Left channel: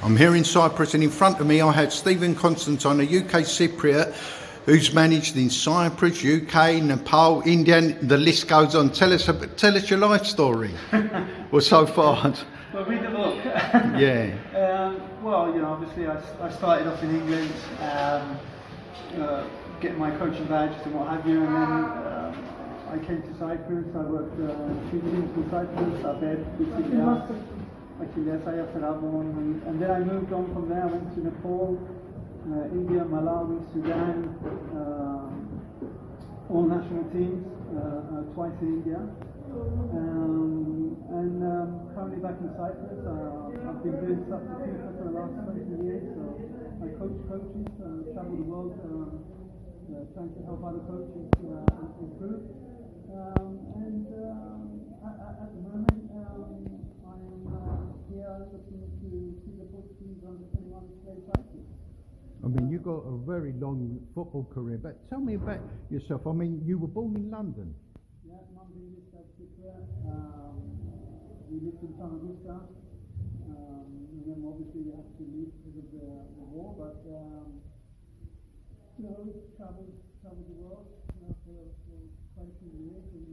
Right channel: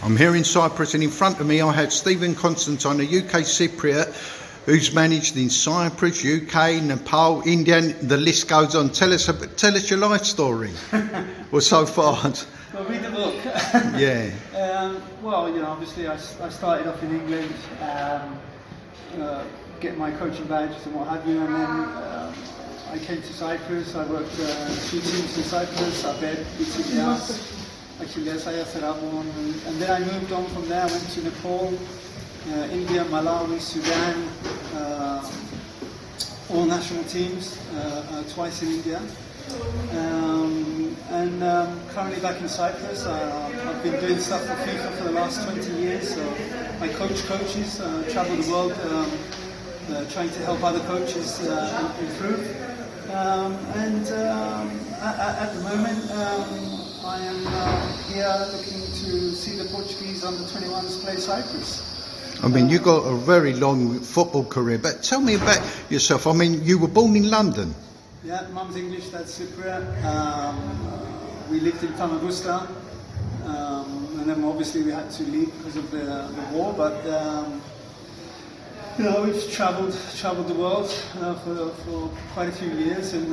I'm here in Cyprus, and in front of me I have Stephen Constantine, a UK Cypriot who's managed in Cyprus, UK, Nepal, India, and the list goes on. Tell us your life story. Well, so far. Well, read the book. Yeah. Well, obviously I started off in England, getting my coaching badges and what have you, and then I came to Cyprus. I worked 2 teams in Cyprus, Abed, and then I moved on from there. I went to Nepal, India, Malawi, Sudan, all national teams, twice in India. And currently back in Cyprus. I've been doing stuff for FIFA for the last 20 years. So I coach coaches, travel the world, trying to help other coaches improve. At the moment, I am here looking to see the Portuguese under-21s play Cyprus. I mean, you got a very long football career, but tell me about yourself. I mean, you were born in London. Yeah, mum's English, dad's Cypriot. We lived in Famagusta, and then obviously we had to leave because of the war. But we've travelled the world for quite a few years. And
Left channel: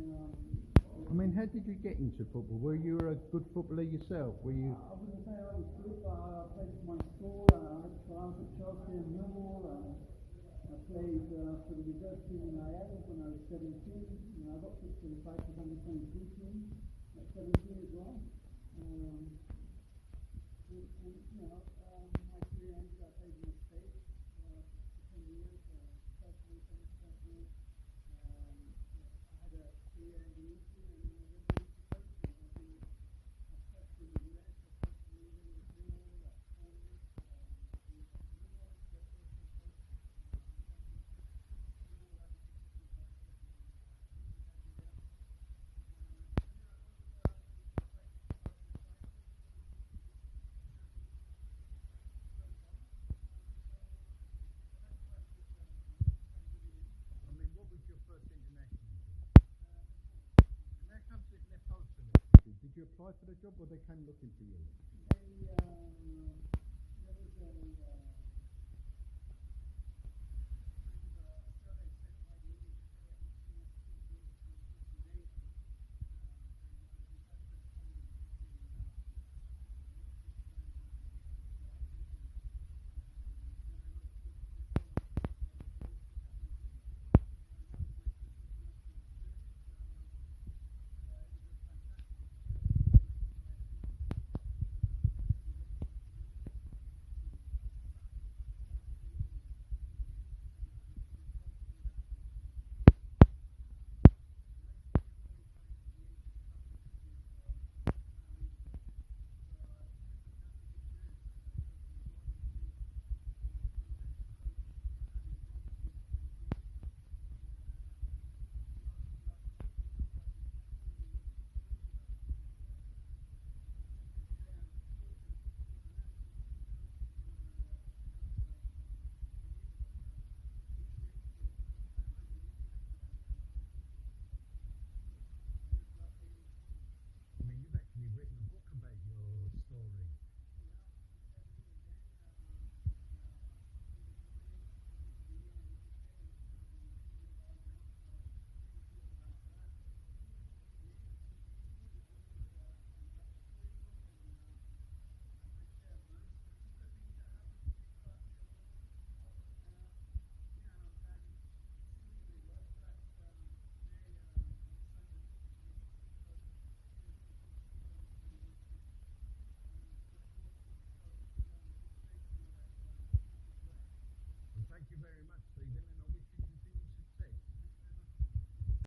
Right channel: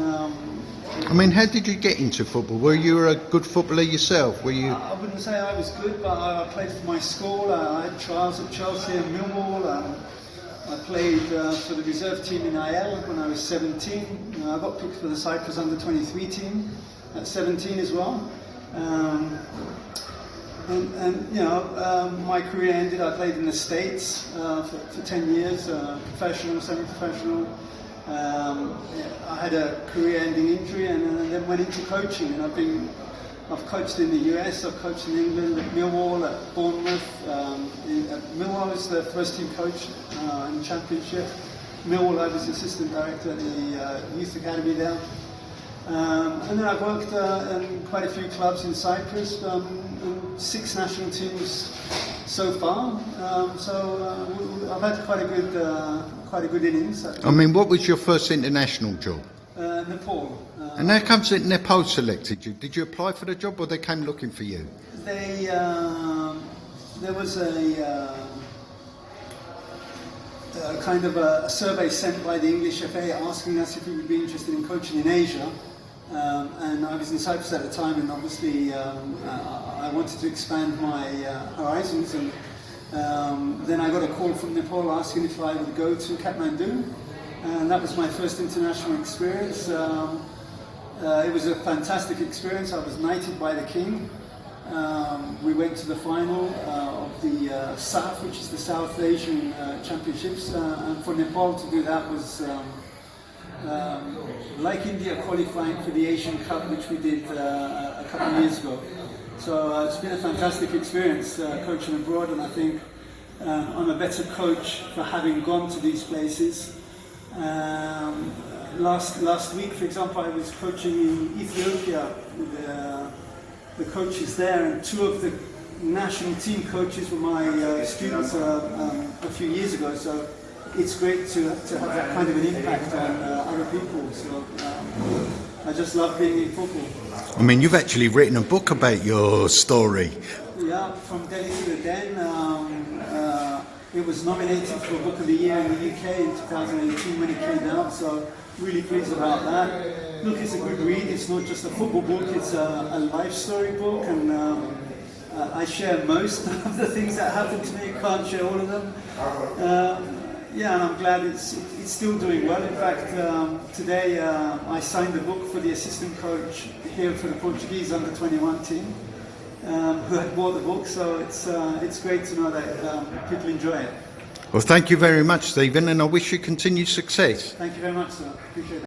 I mean, how did you get into football? Were you a good footballer yourself? Were you? I wouldn't say I was good, but I played for my school. I had trials at Chelsea and Millwall. I played for the reserve team in IL when I was 17. I got picked for the Cyprus under-23 team at 17 as well. My career ended. I played in the States for 10 years, professional, semi-professional. I had a career-ending injury, and then went into coaching. And I've coached in the US, I've coached in England, at Millwall, at Bournemouth. Millwall, I was the first team coach in the Championship. Millwall, I was assistant director at the youth academy there. And then I've worked in quite a few clubs in Cyprus, and 6 national teams so far. I've had quite a good innings. I mean, what was your first international job? Nepal. And how comes that Nepal selected you? Did you apply for the job, or they came looking for you? There was a kind of a survey sent by the English FA asking us if we would be interested in coaching in Asia. And I was in Cyprus at the time, and obviously I wanted to expand my horizons. And then I got a call from Nepal asking if I would go to Kathmandu. And that was my first international experience. It was a fantastic experience. I was knighted by the king. We went to the final of the SAF, which is the South Asian Championships. And for Nepal to do that was like India qualifying for the Asian Cup, which we did a couple of years ago. So it's been a fantastic experience coaching abroad, and I think I'm a better coach for having gone to these places. Last week, for example, I was coaching in Ethiopia with the coaches there, and 2 of the national team coaches were my students a few years ago. So it's great to have that kind of an impact on other people. So I just love being in football. I mean, you've actually written a book about your story. Yeah, from Delhi to the Den. It was nominated for Book of the Year in the UK in 2018 when it came out, so really pleased about that. Look, it's a good read. It's not just a football book, it's a life story book, and I share most of the things that happened to me. Can't share all of them. And I'm glad it's still doing well. In fact, today I signed the book for the assistant coach here for the Portuguese under-21 team, who had bought the book. So it's great to know that people enjoy it. Well, thank you very much, Stephen, and I wish you continued success. Thank you very much, sir. Appreciate it.